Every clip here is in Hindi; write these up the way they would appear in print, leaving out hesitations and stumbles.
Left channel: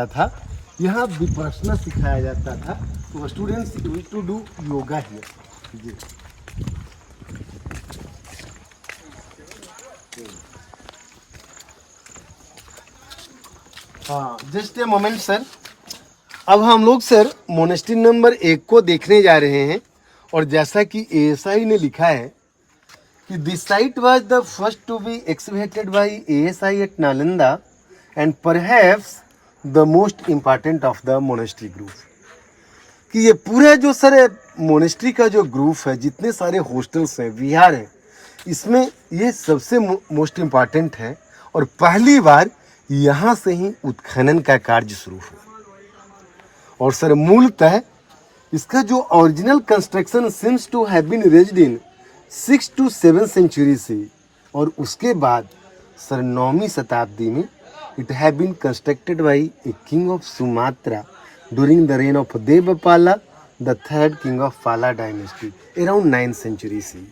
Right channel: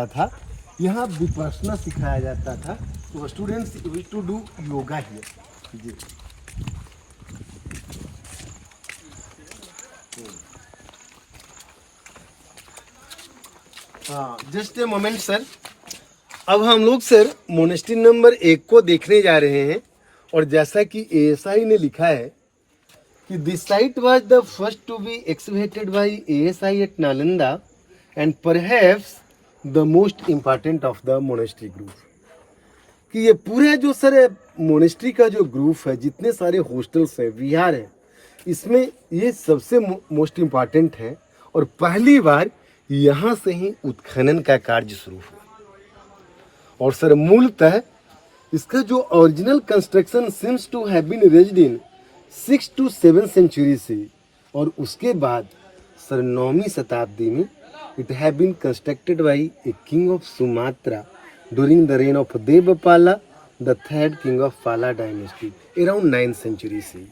जाता था, यहाँ विपश्यना सिखाया जाता था। तो students use to do yoga here. जी हाँ, जस्ट ए मोमेंट सर। अब हम लोग सर मोनेस्ट्री नंबर 1 को देखने जा रहे हैं। और जैसा कि ASI ने लिखा है कि this site was the first to be excavated by ASI at Nalanda and perhaps the most important of the monastery group. कि ये पूरा जो सर मोनेस्ट्री का जो ग्रुप है, जितने सारे हॉस्टल्स हैं, विहार है, इसमें ये सबसे मोस्ट इम्पॉर्टेंट है। और पहली बार यहाँ से ही उत्खनन का कार्य शुरू हुआ। और सर मूलतः इसका जो original construction seems to have been raised in 6 to 7 century से, और उसके बाद सर 9वीं शताब्दी में it have been constructed by a king of Sumatra during the reign of Devapala the 3rd king of Pala dynasty around 9th century से।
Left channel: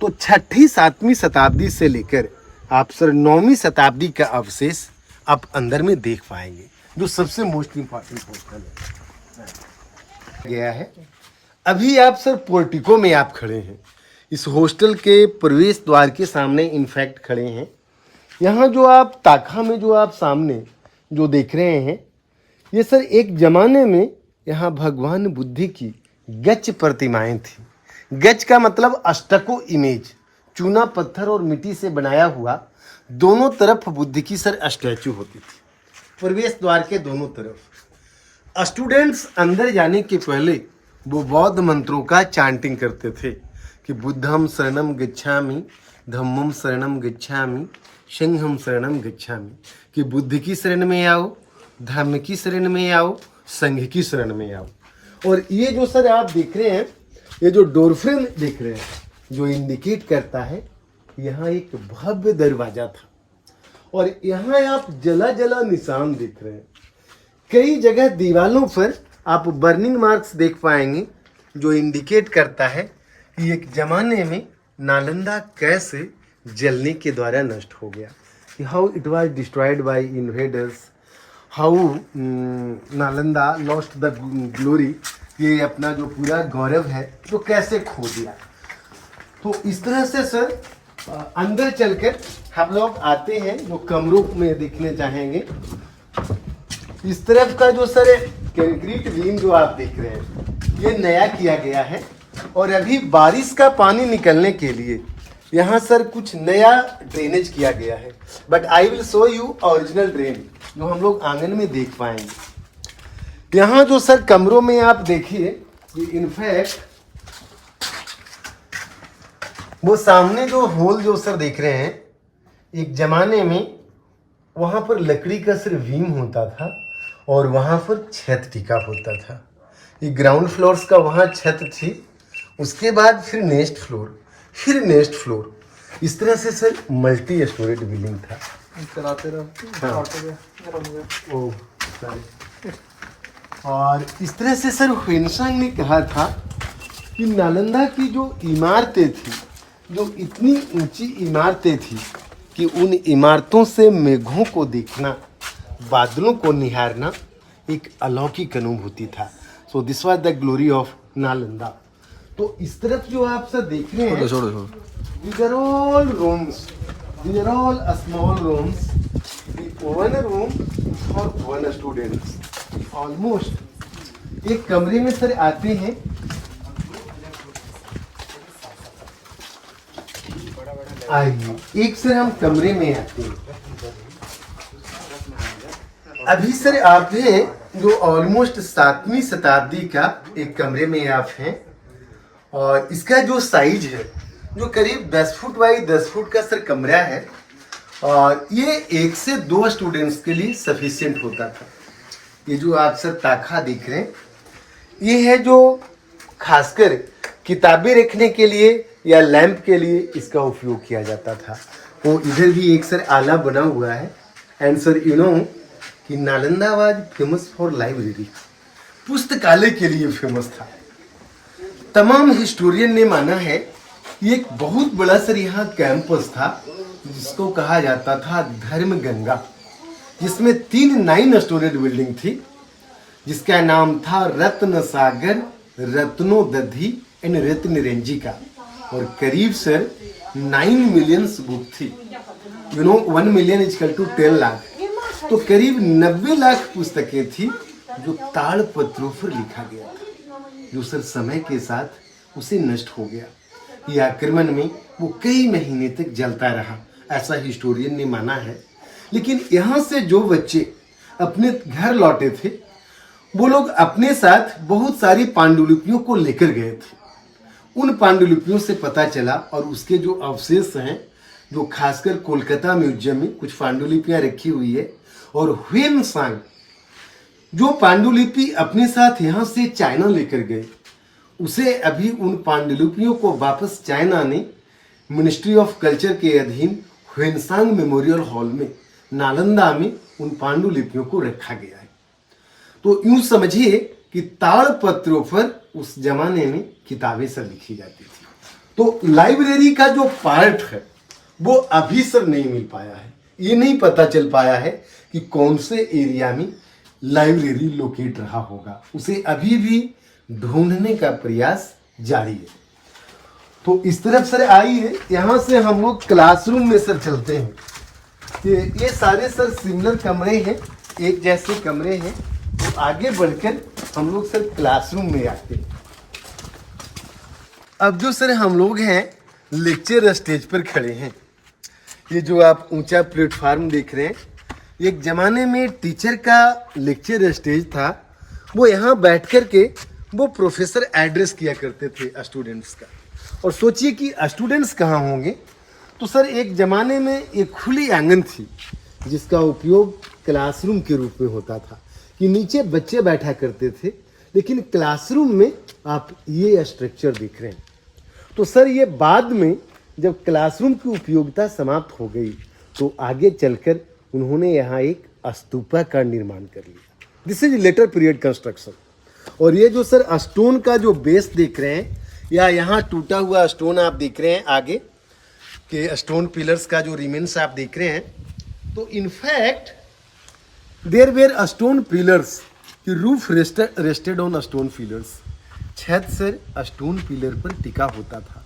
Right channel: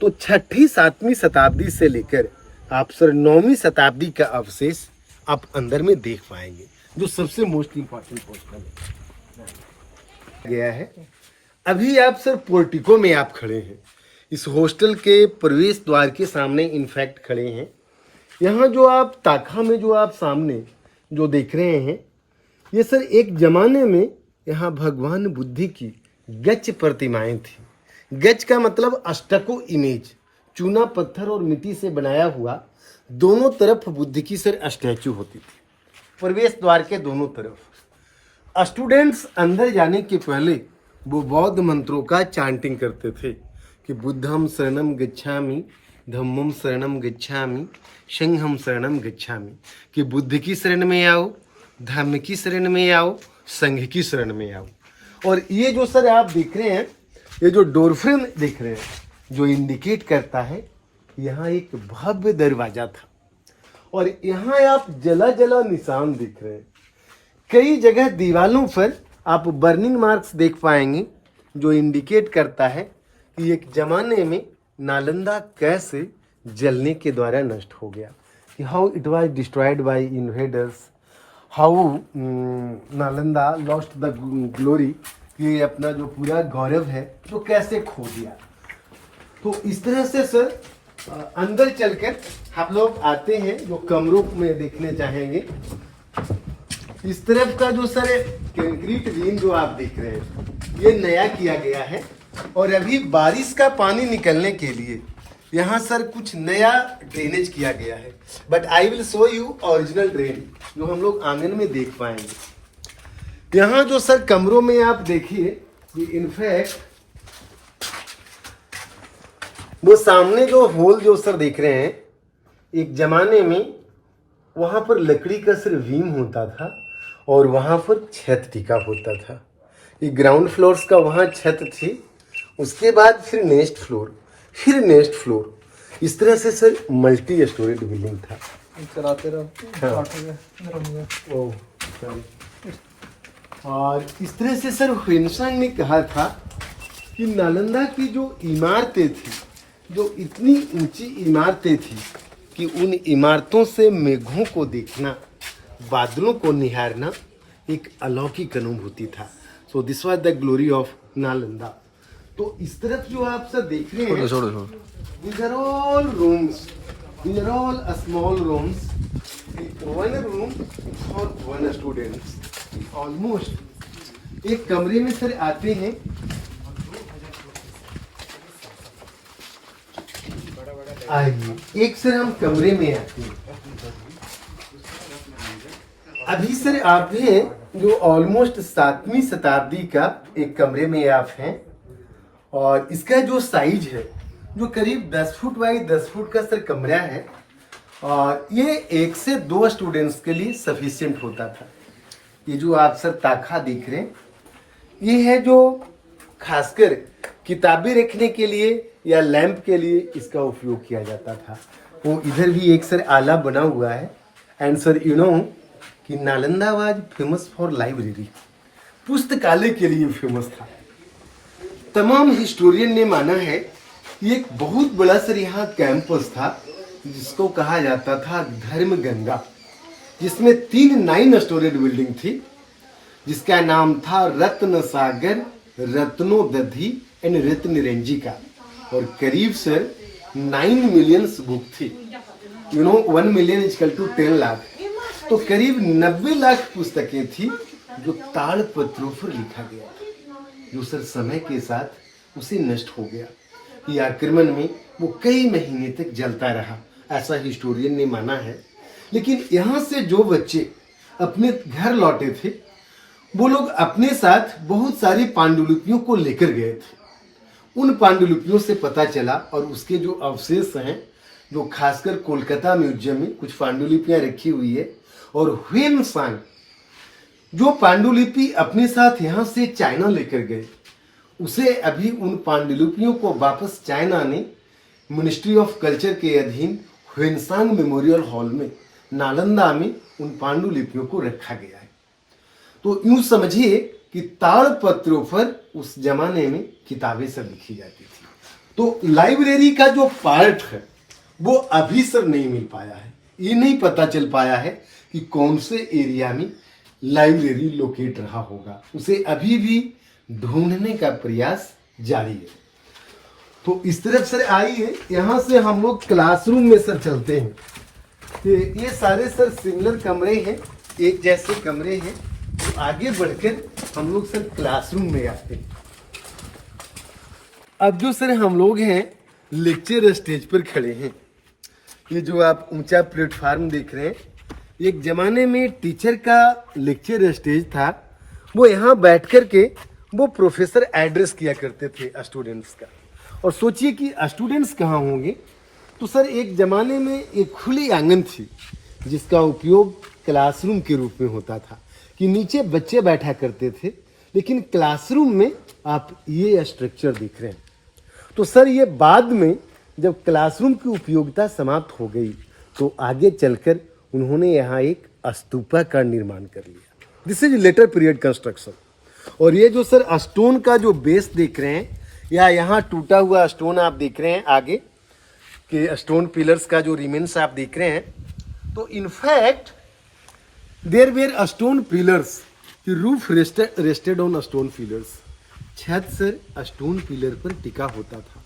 तो 6वीं 7वीं शताब्दी से लेकर आप सर 9वीं शताब्दी का अवशेष आप अंदर में देख पाएंगे, जो सबसे मोस्ट इम्पॉर्टेंट हॉस्टल गया है। अभी आप सर पोर्टिको में आप खड़े हैं, इस हॉस्टल के प्रवेश द्वार के सामने इनफैक्ट खड़े हैं। यहाँ जो आप ताखा में जो आप सामने जो देख रहे हैं, ये सर एक जमाने में यहाँ भगवान बुद्ध की गच प्रतिमाएं थी। गच का मतलब अष्टको इमेज, चूना पत्थर और मिट्टी से बनाया हुआ, दोनों तरफ बुद्ध की सर स्टैचू होती थी, प्रवेश द्वार के दोनों तरफ। स्टूडेंट्स अंदर जाने के पहले वो बौद्ध मंत्रों का चांटिंग करते थे कि बुद्धम शरणम गच्छामि, धम्मम शरणम गच्छामि, संघम शरणम गच्छामि। कि बुद्ध की शरण में आओ, धम्म की शरण में आओ, संघ की शरण में आओ। और ये जो सर आप देख रहे हैं, ये जो डोरफ्रेम देख रहे हैं, जो इंडिकेट करता है यहाँ एक भव्य दरवाजा था। और यहाँ आप जला जला निशान देख रहे हैं। कई जगह दीवालों पर आप बर्निंग मार्क्स देख पाएंगे, जो इंडिकेट करता है कि एक जमाने में नालंदा कैसे जलने के द्वारा नष्ट हो गया, कि how it was destroyed by invaders, how Nalanda lost the glory, ये अपना जो पूरा गौरव है तो कैसे खो दिया। तो इस तरह से सर अंदर चलकर हम लोग आते हैं, जो कमरों में देखने चाहेंगे। इस तरफ का जो सर कंक्रीट बीम जो आप देख रहे हैं, ये नया किया गया है। और अभी बारिश का पानी निकलने के लिए यहाँ सर कुछ नया ड्रेनेज किया गया है। But I will show you original drain, जो हम लोग आंगन में देख पाएंगे। यहाँ जो सर कमरों में आप देखिए, कि इनफैक्ट वो सामने जो होल जो सर देख रहे हैं, एक जमाने में वहां पर लकड़ी का सिर्फ बीम होता था और वहां पर छत टिका होता था। ये ग्राउंड फ्लोर्स का वहां छत थी, उसके बाद फिर नेक्स्ट फ्लोर, फिर नेक्स्ट फ्लोर, इस तरह से सर मल्टी स्टोरेज बिल्डिंग था। चलाते रहो। Oh sorry. और इस तरह से सर हुइनसन ने कहा था कि नालंदा की जो इमारतें थी, जो इतनी ऊंची इमारतें थी कि उन इमारतों से मेघों को देखना, बादलों को निहारना एक अलौकिक अनुभूति था। So this was the glory of Nalanda. तो इस तरफ जो आप सर देख रहे हैं, these are all rooms, these are all small rooms. One room for one student. Almost एक कमरे में सर आते हैं, आइए एक सर हम कमरे में आते हैं। अभी सर आप हैं जो ऑलमोस्ट 7वीं शताब्दी का एक कमरे में आप हैं। और इसका जो साइज है, जो करीब 10 फुट बाई 10 फुट का सर कमरा है। और ये 1 से 2 स्टूडेंट्स के लिए सफिशिएंट होता था। ये जो आप सर ताखा देख रहे हैं, ये है जो खासकर किताबें रखने के लिए या लैंप के लिए इसका उपयोग किया जाता था। वो इधर भी एक सर आला बना हुआ है। एंड सर यू नो कि Nalanda was famous for library, पुस्तकालय के लिए फेमस था। तमाम हिस्टोरियन ने माना है कि एक बहुत बड़ा सर यहाँ कैंपस था, जिसको कहा जाता था धर्म गंगा। जिसमें 3 9 स्टोरेड बिल्डिंग थी, जिसका नाम था रत्न सागर, रत्नोदधि एंड रत्न रेंजिका, और करीब सर 9 मिलियन बुक थी। 1 मिलियन इजकल टू 10 लाख, तो करीब 90 लाख पुस्तकें थी जो ताड़पत्रों पर लिखा गया था, जो सर समय के साथ उसे नष्ट हो गया। ये आक्रमण में वो कई महीने तक जलता रहा, ऐसा हिस्टोरियन ने माना है। लेकिन यहाँ से जो बच्चे अपने घर लौटे थे, वो लोग अपने साथ बहुत सारी पांडुलिपियों को लेकर गए थे। उन पांडुलिपियों से पता चला, और उसके जो अवशेष हैं, जो खासकर कोलकाता म्यूजियम में कुछ पांडुलिपियां रखी हुई है, और ह्वेनसांग जो पांडुलिपि अपने साथ यहाँ से चाइना लेकर गए, उसे अभी उन पांडुलिपियों को वापस चाइना ने मिनिस्ट्री ऑफ कल्चर के अधीन ह्वेनसांग मेमोरियल हॉल में नालंदा में उन पांडुलिपियों को रखा गया है। तो यूं समझिए कि ताड़पत्रों पर उस जमाने में किताबें सब लिखी जाती थी। तो लाइब्रेरी का जो पार्ट है वो अभी सर नहीं मिल पाया है। ये नहीं पता चल पाया है कि कौन से एरिया में लाइब्रेरी लोकेट रहा होगा, उसे अभी भी ढूंढने का प्रयास जारी है। तो इस तरफ सर आइए, यहाँ से हम लोग क्लासरूम में सर चलते हैं। ये सारे सर सिमिलर कमरे हैं, एक जैसे कमरे हैं। तो आगे बढ़कर हम लोग सर क्लासरूम में आते हैं। अब जो सर हम लोग हैं लेक्चर स्टेज पर खड़े हैं। ये जो आप ऊंचा प्लेटफार्म देख रहे हैं, एक जमाने में टीचर का लेक्चर स्टेज था। वो यहाँ बैठ कर के वो प्रोफेसर एड्रेस किया करते थे स्टूडेंट्स का। और सोचिए कि स्टूडेंट्स कहाँ होंगे, तो सर एक जमाने में एक खुली आंगन थी जिसका उपयोग क्लासरूम के रूप में होता था, कि नीचे बच्चे बैठा करते थे, लेकिन क्लासरूम में आप ये स्ट्रक्चर देख रहे हैं। तो सर ये बाद में जब क्लासरूम की उपयोगिता समाप्त हो गई, तो आगे चलकर उन्होंने यहाँ एक स्तूपा का निर्माण कर लिया। This is letter period construction. और ये जो सर स्टोन का जो बेस देख रहे हैं, या यहाँ टूटा हुआ स्टोन आप देख रहे हैं, आगे के स्टोन पिलर्स का जो रिमेन्स आप देख रहे हैं, तो in fact there were stone pillars, roof rested on stone pillars. छत सर स्टोन पिलर पर टिका होता था,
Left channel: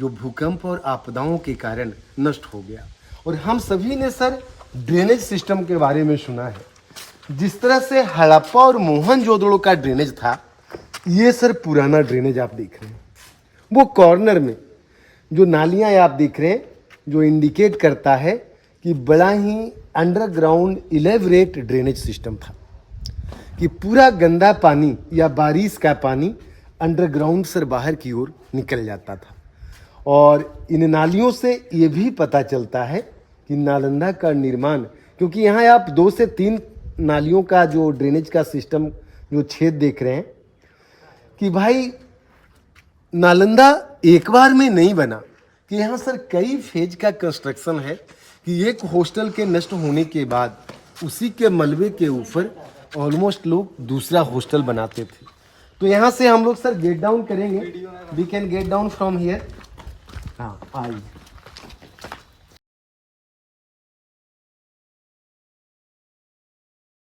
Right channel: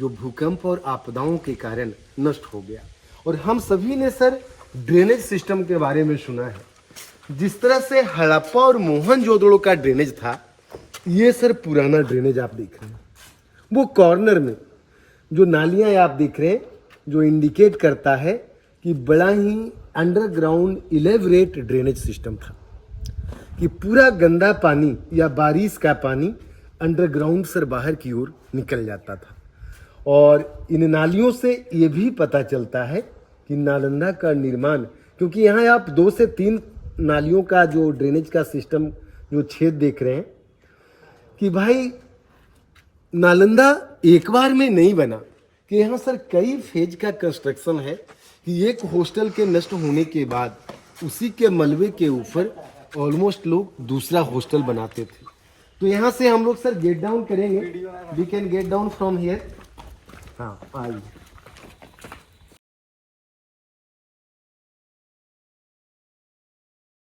जो भूकंप और आपदाओं के कारण नष्ट हो गया। और हम सभी ने सर ड्रेनेज सिस्टम के बारे में सुना है। जिस तरह से हड़प्पा और मोहनजोदड़ो का ड्रेनेज था, ये सर पुराना ड्रेनेज आप देख रहे हैं। वो कॉर्नर में जो नालियां आप देख रहे हैं, जो इंडिकेट करता है कि बड़ा ही अंडरग्राउंड इलेबरेट ड्रेनेज सिस्टम था, कि पूरा गंदा पानी या बारिश का पानी अंडरग्राउंड से बाहर की ओर निकल जाता था। और इन नालियों से ये भी पता चलता है कि नालंदा का निर्माण, क्योंकि यहाँ आप 2 से 3 नालियों का जो ड्रेनेज का सिस्टम जो छेद देख रहे हैं, कि भाई नालंदा एक बार में नहीं बना, कि यहाँ सर कई फेज का कंस्ट्रक्शन है, कि एक हॉस्टल के नष्ट होने के बाद उसी के मलबे के ऊपर ऑलमोस्ट लोग दूसरा हॉस्टल बनाते थे। तो यहाँ से हम लोग सर गेट डाउन करेंगे। We can get down from here. हाँ आइए।